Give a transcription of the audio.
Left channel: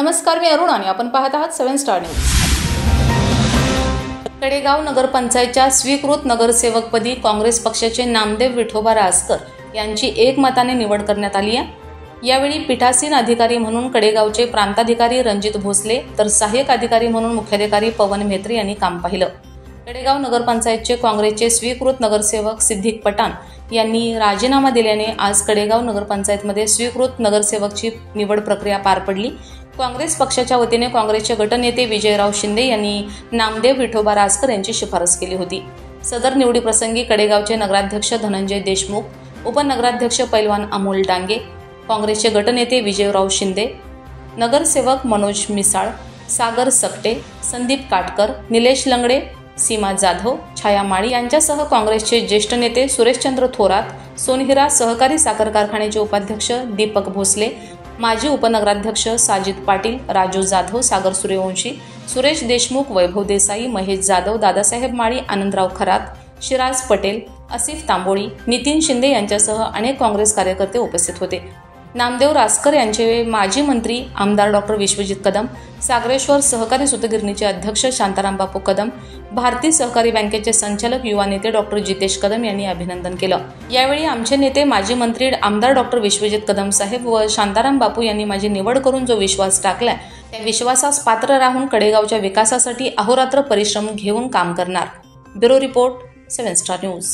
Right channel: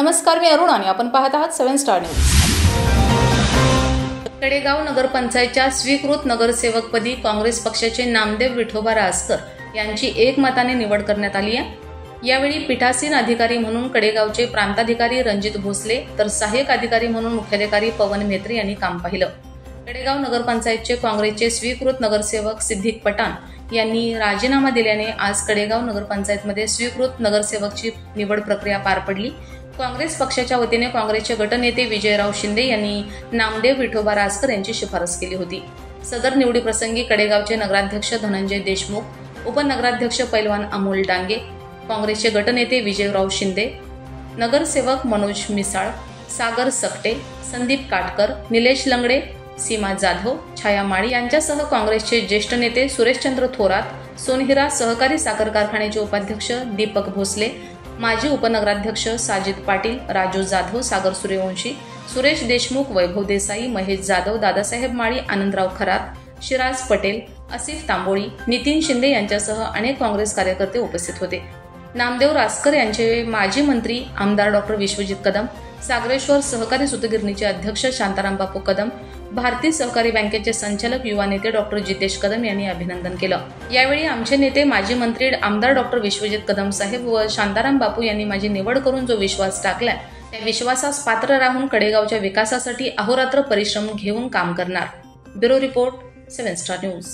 नमस्कार, मी अरुण आणि आपण पाहत आहात 7 स्टार न्यूज। कडेगाव नगरपंचायतच्या स्वीकृत नगरसेवकपदी काँग्रेस पक्षाचे नामदेव विठोबा रासकर यांची एकमताने निवड करण्यात आली आहे। यावेळी पीठासीन अधिकारी म्हणून कडेगावचे प्रांताधिकारी रणजित भोसले तर सहाय्यक अधिकारी म्हणून मुख्याधिकारी पवन म्हेत्रे यांनी काम पाहिलं। कडेगाव नगरपंचायतचे काँग्रेसचे स्वीकृत नगरसेवक सिद्दीक पठाण यांनी राजीनामा दिल्याने आज कडेगाव नगरपंचायतमध्ये स्वीकृत नगरसेवकची निवड प्रक्रिया पार पडली। काँग्रेस पक्षाच्या वतीने काँग्रेसचे गटनेते विजयराव शिंदे यांनी नामदेव विठोबा रासकर यांची शिफारस केली होती। सदर निवडीप्रसंगी कडेगावचे नगराध्यक्ष धनंजय देशमुख, उपनगराध्यक्ष पैलवान अमोल डांगे, काँग्रेसचे गटनेते विजयराव शिंदे, नगरसेवक मनोज मिसाळ, सागर सकटे, संदीप काटकर, निलेश लंगडे, सीमा जाधव, छाया माळी यांच्यासह काँग्रेसचे ज्येष्ठ नेते सुरेशचंद्र थोरात, सोनहिरा सहकारी साखर कारखान्याचे उपाध्यक्ष दीपक भोसले, माजी उपनगराध्यक्ष साजिद पाटील, राजू जाधव, सागर सूर्यवंशी, सुरेश देशमुख, वैभव देसाई, महेश जाधव, दादासाहेब माळी, आनंदराव खरात, शिराज पटेल, असिफ तांबोळी, नितीन शिंदे यांच्यासह अनेक काँग्रेस कार्यकर्ते उपस्थित होते। नामदेव रासकर यांचे माजी मंत्री आमदार डॉ. विश्वजित कदम, सागरेश्वर सहकारी सूतगिरणीचे अध्यक्ष शांताराम बापू कदम, भारतीय सहकारी बँकेचे संचालक युवा नेते डॉ. जितेश कदम यांनी अभिनंदन केलं। यावेळी आमचे नेते माजी मंत्री आमदार डॉ. विश्वजित कदम साहेब व शांताराम बापू यांनी माझी निवड करून जो विश्वास टाकला त्या विश्वासास पात्र राहून कडेगावच्या विकासासाठी अहोरात्र परिश्रम घेऊन काम करणार। Bureau report, 7 star news.